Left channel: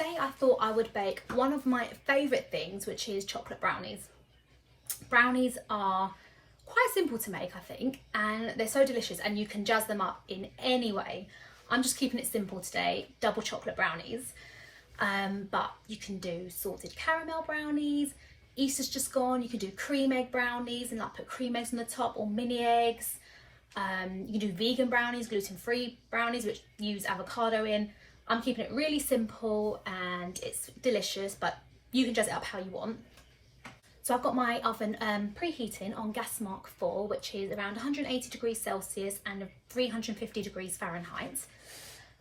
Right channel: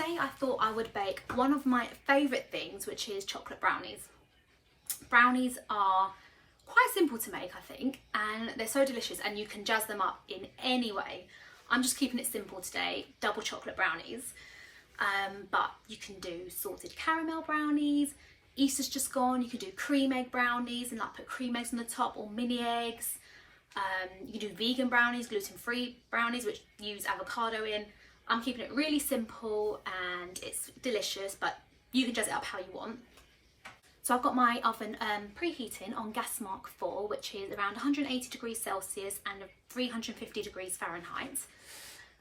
today I thought I would bake one of my favourite things, which is chocolate brownies. Brownies are quite simple to make, I think, and they're so delicious and you can jazz them up in any way. I'm just keeping it simple today, double chocolate brownies, but you can do salted caramel brownies. Easter's just gone, you can do cream egg brownies and like put cream eggs on the top, or mini eggs. You can do vegan brownies, gluten-free brownies which use avocado in. I'm keeping it really simple and it's delicious, but you can jazz it up how you want. So I've got my oven preheating on gas mark 4, which is around 180 degrees Celsius and 350 degrees Fahrenheit.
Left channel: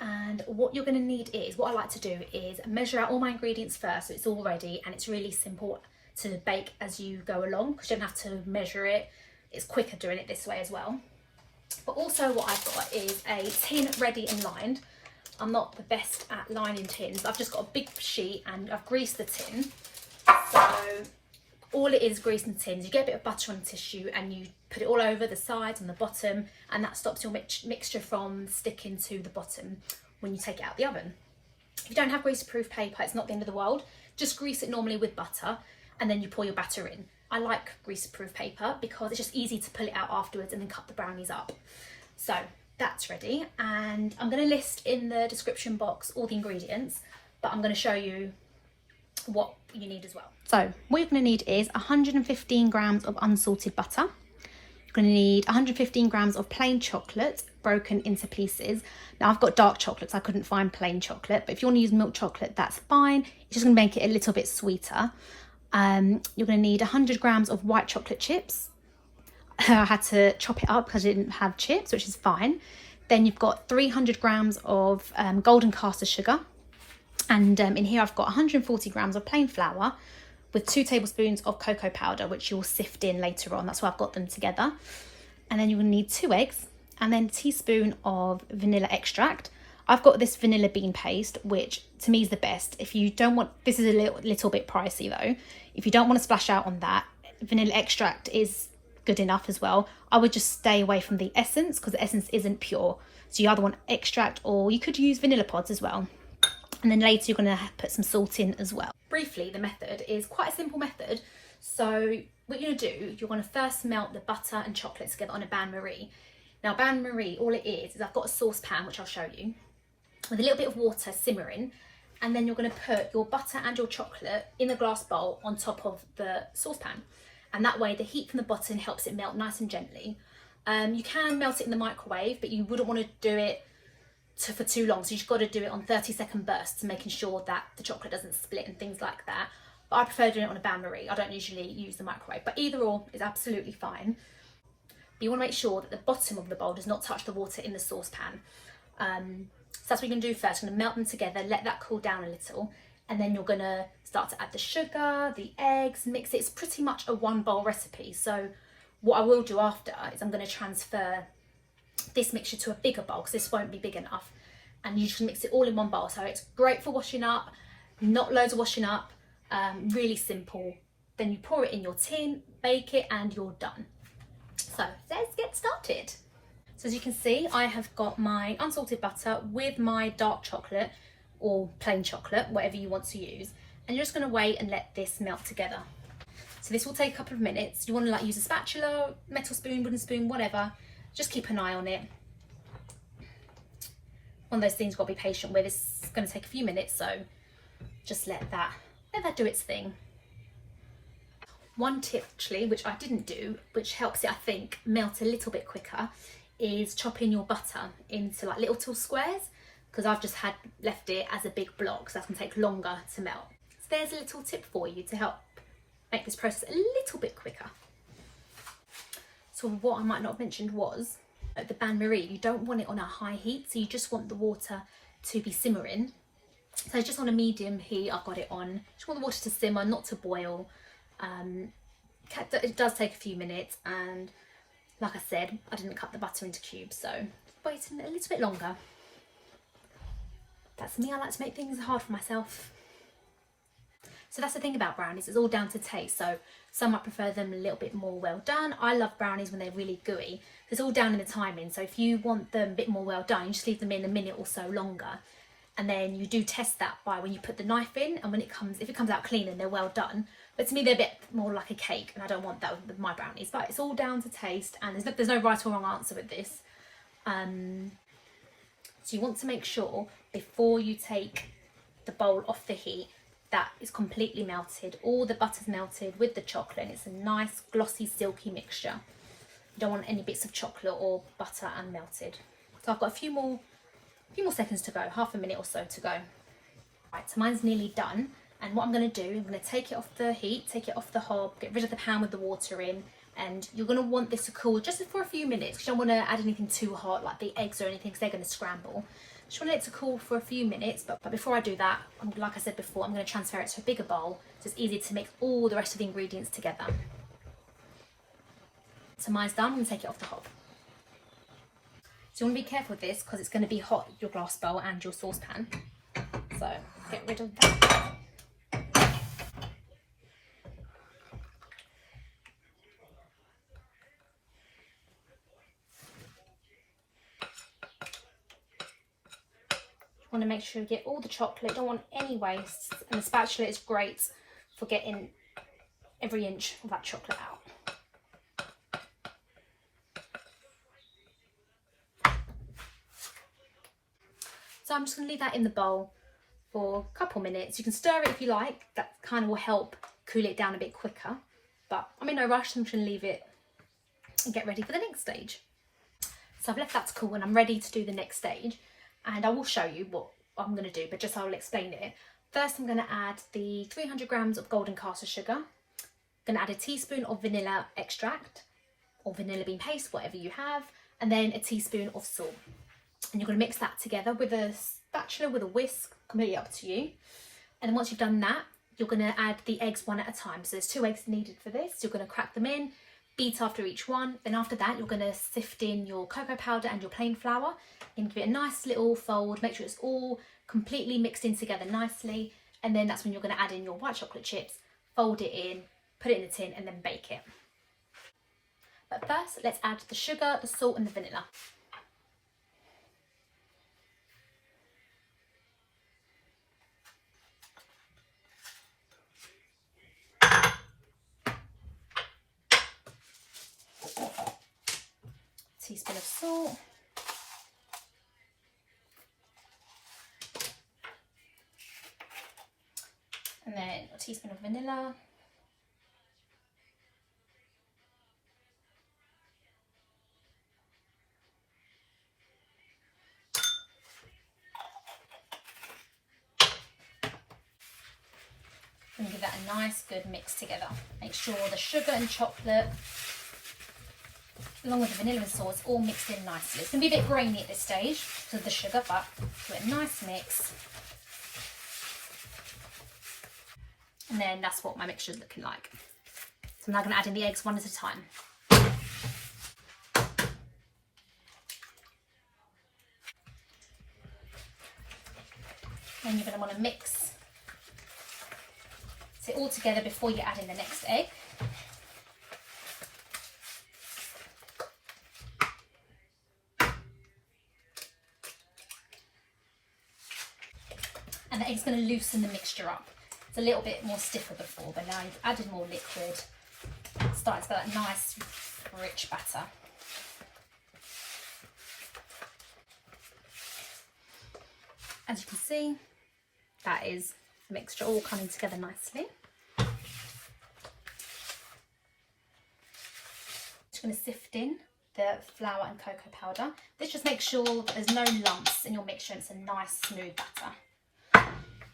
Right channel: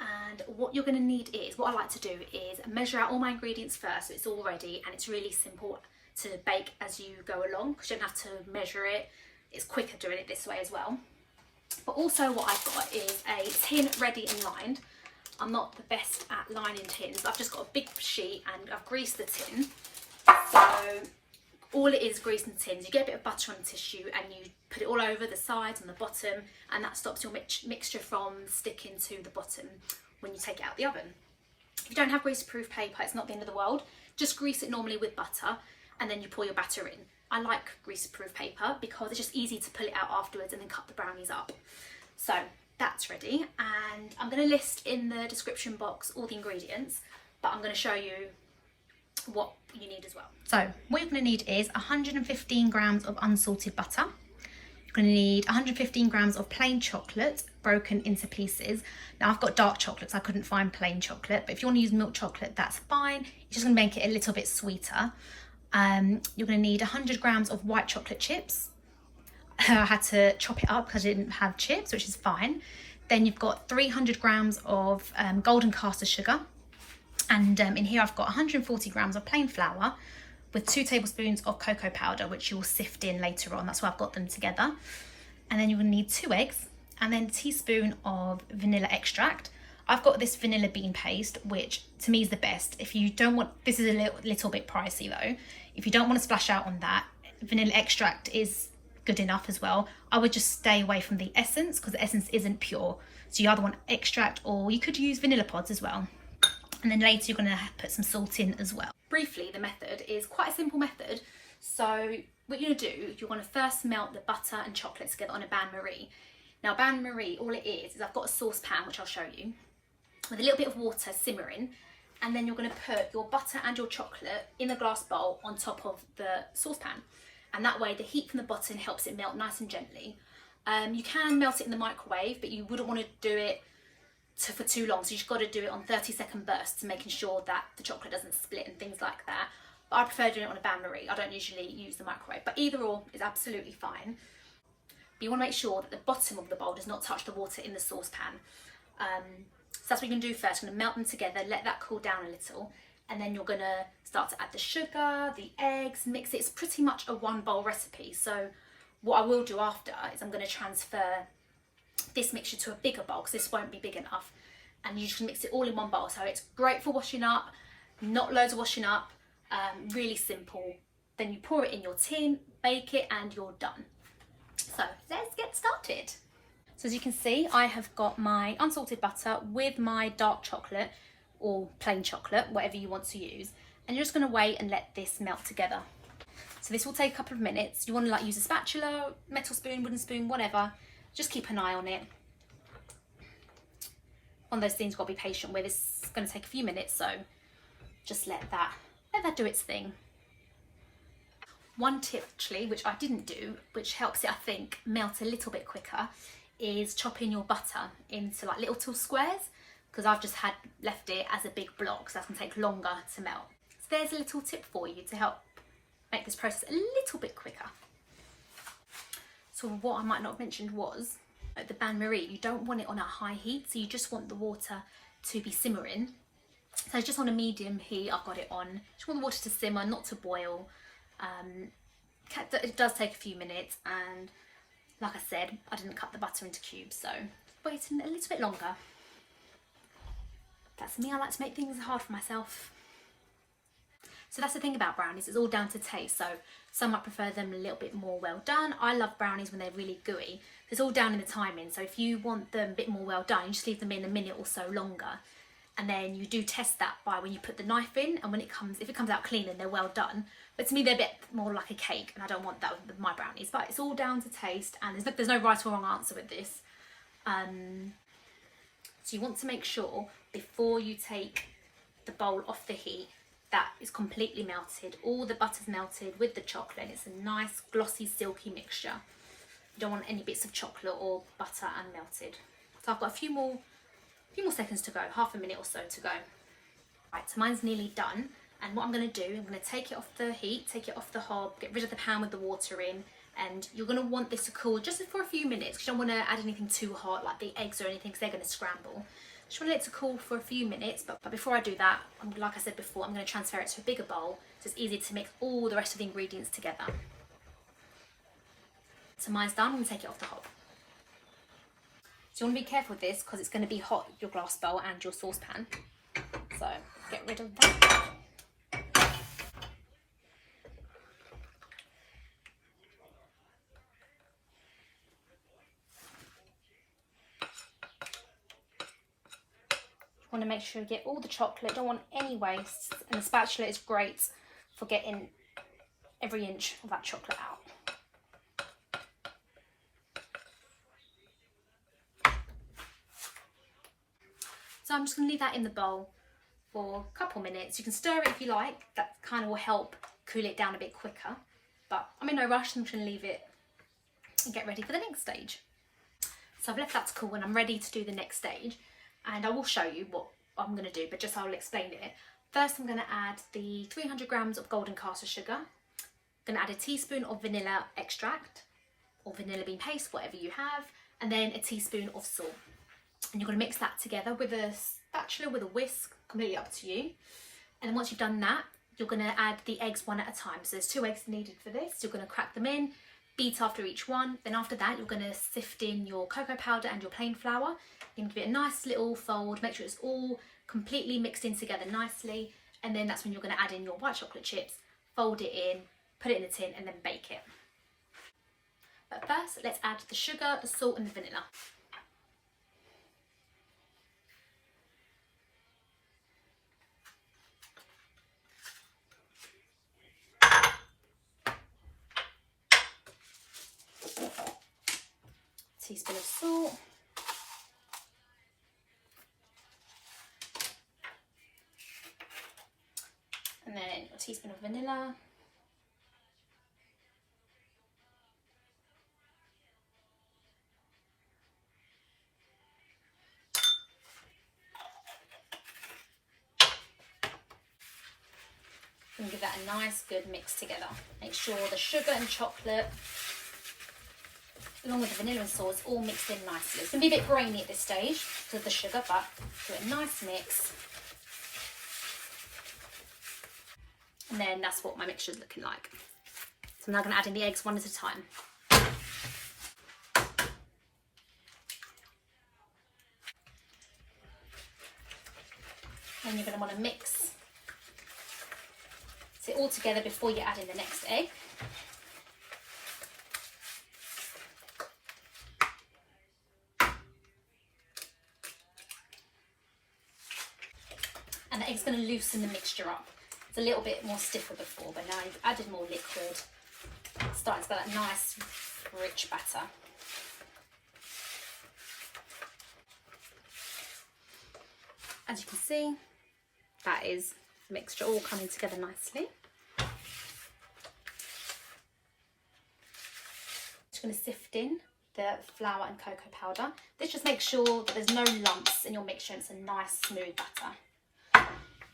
And what you're going to need is, what I like to do is measure out all my ingredients first, so it's all ready and it's really simple to bake as you go along because you don't have to measure it. It's quicker doing it this way as well. But also what I've got is a tin ready and lined. I'm not the best at lining tins. I've just got a big sheet and I've greased the tin. So all it is greasing the tins. You get a bit of butter on the tissue and you put it all over the sides and the bottom, and that stops your mixture from sticking to the bottom when you take it out of the oven. If you don't have grease-proof paper, it's not the end of the world. Just grease it normally with butter and then you pour your batter in. I like grease-proof paper because it's just easy to pull it out afterwards and then cut the brownies up. So that's ready, and I'm going to list in the description box all the ingredients, but I'm going to show you what you need as well. So what you're going to need is 115 grams of unsalted butter. You're going to need 115 grams of plain chocolate broken into pieces. Now I've got dark chocolate, so I couldn't find plain chocolate, but if you want to use milk chocolate, that's fine. It's just going to make it a little bit sweeter. You're going to need 100 grams of white chocolate chips. I had to chop it up because I didn't have chips, which is fine. Then you've got 300 grams of golden caster sugar. And in here I've got 140 grams of plain flour with 2 tablespoons of cocoa powder, which you'll sift in later on. That's why I've got them together. And then you're going to need 2 eggs and then a teaspoon of vanilla extract. I've got this vanilla bean paste, which to me is the best. If you don't want, this is a little bit pricey though. If you don't want to splash out on that, vanilla extract is good enough as well. I would just stay away from the essence because the essence isn't pure. So you either want extract or you could use vanilla pods as well. And then later you're going to put some salt in as well. Briefly, the method is quite a simple method. So what you're going to do, you're going to first melt the butter and chocolate together on a bain-marie. Now bain-marie, all it is I've got a saucepan, which I'll show you, with a little bit of water simmering, and then you're going to put your butter and your chocolate in the glass bowl on top of the saucepan, and that way the heat from the bottom helps it melt nice and gently. You can melt it in the microwave, but you wouldn't want to do it for too long, so you've got to do it on 30-second bursts, making sure that the chocolate doesn't split and things like that. But I prefer doing it on a bain-marie. I don't usually use the microwave, but either or is absolutely fine. But you want to make sure that the bottom of the bowl does not touch the water in the saucepan. So that's what you're going to do first. You're going to melt them together, let that cool down a little, and then you're going to start to add the sugar, the eggs, mix it. It's pretty much a 1-bowl recipe. So what I will do after is I'm going to transfer this mixture to a bigger bowl because this won't be big enough, and you just mix it all in 1 bowl. So it's great for washing up, not loads of washing up, really simple. Then you pour it in your tin, bake it, and you're done. So let's get started. So as you can see, I have got my unsalted butter with my dark chocolate or plain chocolate, whatever you want to use, and you're just going to wait and let this melt together. So this will take a couple of minutes. You want to use a spatula, metal spoon, wooden spoon, whatever. Just keep an eye on it. One of those things you've got to be patient with. It's going to take a few minutes, so just let that do its thing. One tip actually, which I didn't do, which helps it I think melt a little bit quicker, is chopping your butter into like little squares, because I've just left it as a big block, so that's going to take longer to melt. So there's a little tip for you to help make this process a little bit quicker. So what I might not have mentioned was at the bain-marie, you don't want it on a high heat, so you just want the water to be simmering. So just on a medium heat, I've got it on. Just want the water to simmer, not to boil. It does take a few minutes, and like I said, I didn't cut the butter into cubes, so waiting a little bit longer. That's me, I like to make things hard for myself. So that's the thing about brownies, it's all down to taste. So some might prefer them a little bit more well done. I love brownies when they're really gooey. It's all down in the timing. So if you want them a bit more well done, you just leave them in a minute or so longer. and then you do test that by when you put the knife in, and when if it comes out clean and they're well done. But to me they're a bit more like a cake, and I don't want that with my brownies. But it's all down to taste, and there's no right or wrong answer with this. So you want to make sure before you take the bowl off the heat that it's completely melted, all the butter's melted with the chocolate, and it's a nice glossy silky mixture. You don't want any bits of chocolate or butter unmelted. So I've got a few more seconds to go, half a minute or so to go. Right, so mine's nearly done, and what I'm going to do, I'm going to take it off the heat, take it off the hob, get rid of the pan with the water in, and you're going to want this to cool just for a few minutes, because you don't want to add anything too hot like the eggs or anything, because they're going to scramble. Just want it to cool for a few minutes, but before I do that, like I said before, I'm going to transfer it to a bigger bowl so it's easy to mix all the rest of the ingredients together. So mine's done. I'm going to take it off the hob. So you want to be careful with this because it's going to be hot, your glass bowl and your saucepan. So get rid of that. Want to make sure you get all the chocolate, don't want any waste, and the spatula is great for getting every inch of that chocolate out. So I'm just going to leave that in the bowl for a couple minutes. You can stir it if you like, that kind of will help cool it down a bit quicker, but I'm in no rush, so I'm just going to leave it and get ready for the next stage. So I've left that to cool and I'm ready to do the next stage. And I will show you what I'm going to do, but just I'll explain it. First, I'm going to add the 300 grams of golden caster sugar. I'm going to add a teaspoon of vanilla extract or vanilla bean paste, whatever you have, and then a teaspoon of salt. And you're going to mix that together with a spatula, with a whisk, completely up to you. And then once you've done that, you're going to add the eggs one at a time. So there's 2 eggs needed for this. You're going to crack them in, beat after each one. Then after that, you're going to sift in your cocoa powder and your plain flour. And give it a nice little fold, make sure it's all completely mixed in together nicely, and then that's when you're going to add in your white chocolate chips, fold it in, put it in the tin, and then bake it. But first, let's add the sugar, the salt and the vanilla. Teaspoon of salt. And then a teaspoon of vanilla. And give that a nice good mix together. Make sure the sugar and chocolate, along with the vanilla and salt, is all mixed in nicely. It's going to be a bit grainy at this stage because of the sugar, but do a nice mix. And then that's what my mixture is looking like. So I'm now going to add in the eggs one at a time. Then you're going to want to mix it all together before you add in the next egg. And the egg's going to loosen the mixture up. It's a little bit more stiffer before, but now you've added more liquid. It's starting to get that nice, rich batter. As you can see, that is the mixture all coming together nicely. Just going to sift in the flour and cocoa powder. This just makes sure that there's no lumps in your mixture and it's a nice smooth batter.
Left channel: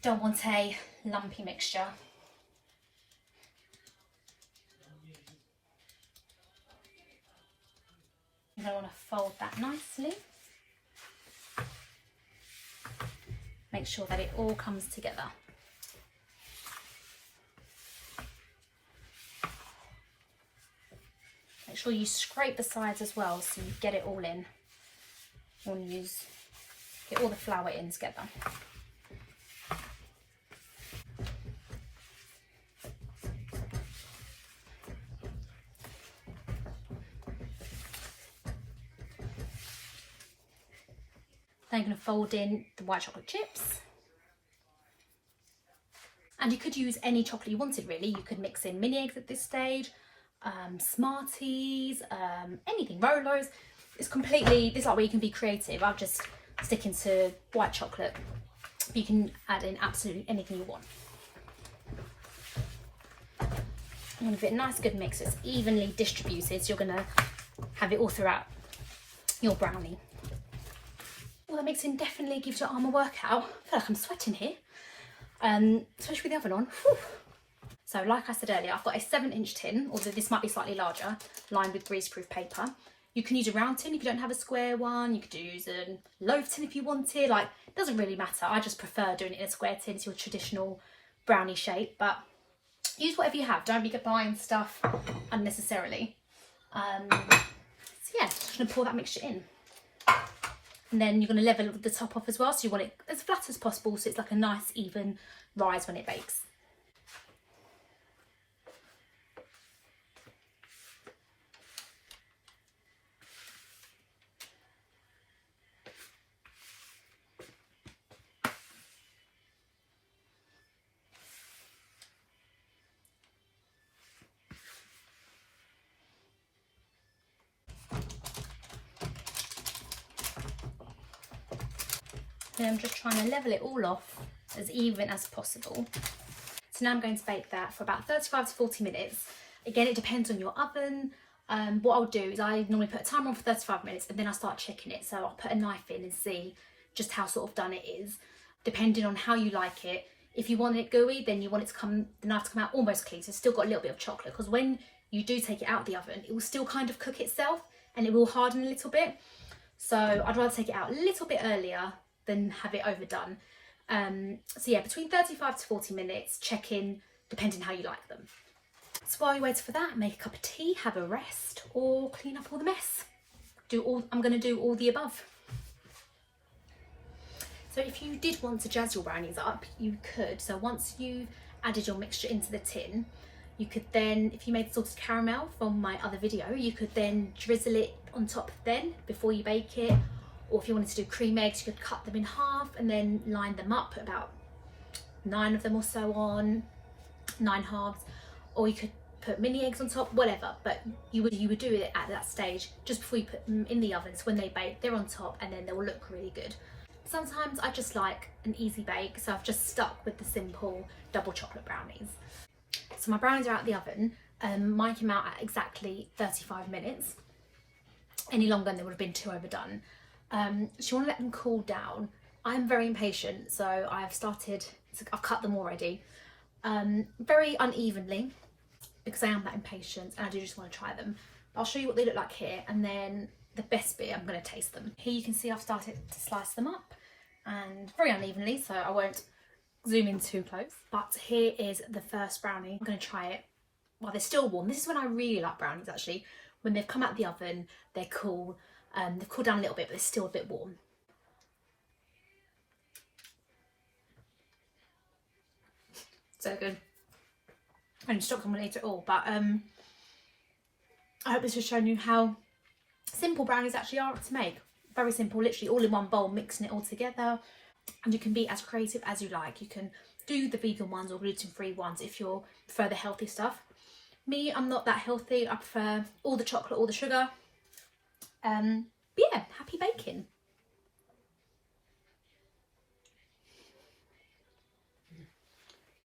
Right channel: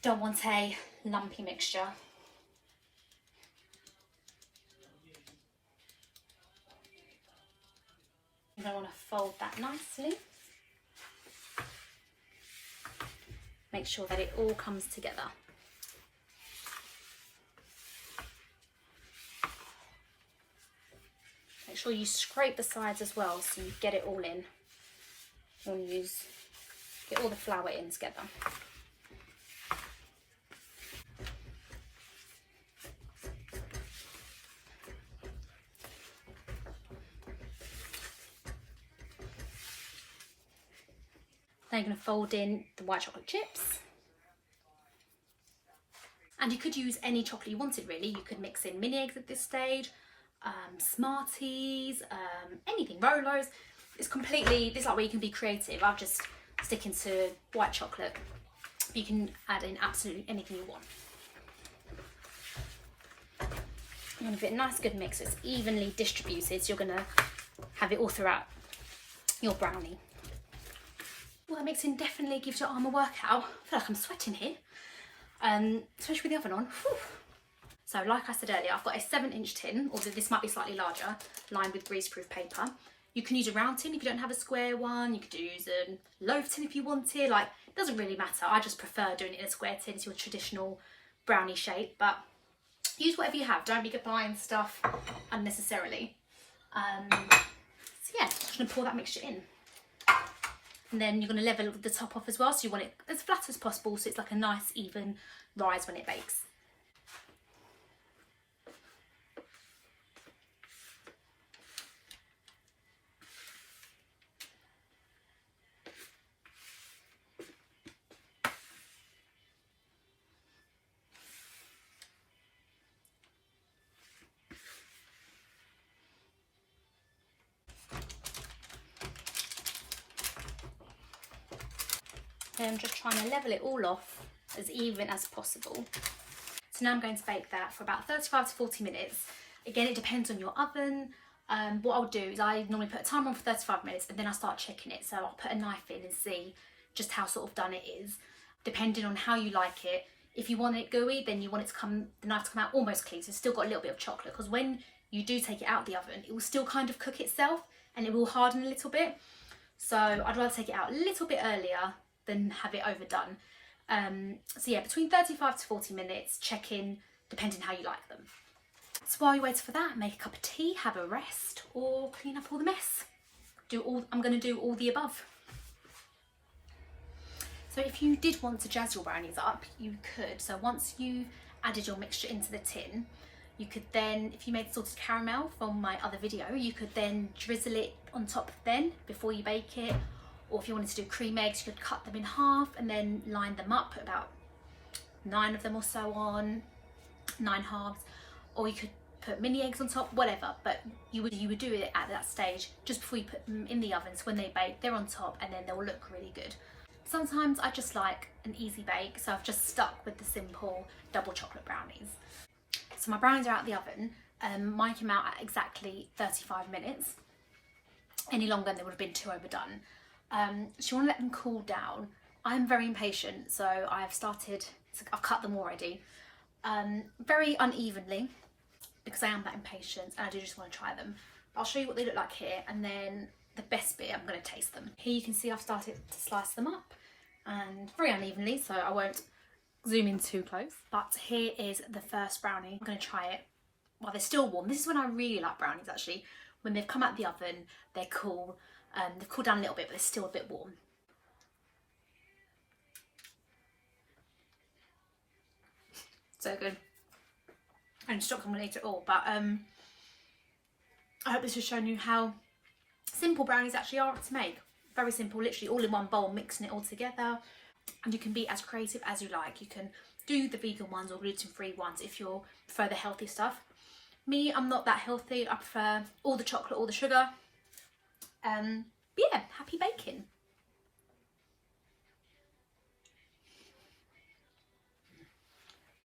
Don't want a lumpy mixture. And I want to fold that nicely. Make sure that it all comes together. Make sure you scrape the sides as well so you get it all in. You want to get all the flour in together. Then I'm going to fold in the white chocolate chips. And you could use any chocolate you wanted really. You could mix in mini eggs at this stage, Smarties, anything, Rolos. It's completely, this is like where you can be creative. I'm just sticking to white chocolate. You can add in absolutely anything you want. And give it a nice good mix so it's evenly distributed. So you're going to have it all throughout your brownie. Well, that mixing definitely gives your arm a workout. I feel like I'm sweating here, especially with the oven on. Whew. So like I said earlier, I've got a 7-inch tin, although this might be slightly larger, lined with greaseproof paper. You can use a round tin if you don't have a square one. You could use a loaf tin if you wanted. Like, it doesn't really matter. I just prefer doing it in a square tin. It's your traditional brownie shape, but use whatever you have. Don't be buying stuff unnecessarily. So yeah, I'm just going to pour that mixture in. And then you're going to level the top off as well. So you want it as flat as possible so it's like a nice even rise when it bakes. And I'm just trying to level it all off as even as possible. So now I'm going to bake that for about 35 to 40 minutes. Again, it depends on your oven. What I'll do is I normally put a timer on for 35 minutes and then I start checking it. So I'll put a knife in and see just how sort of done it is, depending on how you like it. If you want it gooey, then you want it to the knife to come out almost clean. So it's still got a little bit of chocolate, because when you do take it out of the oven, it will still kind of cook itself and it will harden a little bit. So I'd rather take it out a little bit earlier than have it overdone. So yeah, between 35 to 40 minutes, check in depending how you like them. So while you're waiting for that, make a cup of tea, have a rest, or clean up all the mess. I'm going to do all the above. So if you did want to jazz your brownies up, you could. So once you've added your mixture into the tin, you could then, if you made salted caramel from my other video, you could then drizzle it on top then before you bake it. Or if you wanted to do cream eggs, you could cut them in half and then line them up, about 9 of them or so on, 9 halves. Or you could put mini eggs on top, whatever. But you would do it at that stage just before you put them in the oven. So when they bake, they're on top and then they'll look really good. Sometimes I just like an easy bake, so I've just stuck with the simple double chocolate brownies. So my brownies are out of the oven. Mine came out at exactly 35 minutes. Any longer and they would have been too overdone. So you want to let them cool down. I'm very impatient, so I've cut them already, very unevenly, because I am that impatient and I do just want to try them. I'll show you what they look like here, and then the best bit, I'm going to taste them. Here you can see I've started to slice them up, and very unevenly, so I won't zoom in too close. But here is the first brownie. I'm going to try it while they're still warm. This is when I really like brownies, actually. When they've come out of the oven, they're cool. They've cooled down a little bit, but they're still a bit warm. So good. I didn't stop coming later at all, but I hope this has shown you how simple brownies actually are to make. Very simple, literally all in one bowl, mixing it all together. And you can be as creative as you like. You can do the vegan ones or gluten-free ones if you prefer the healthy stuff. Me, I'm not that healthy. I prefer all the chocolate, all the sugar. But yeah,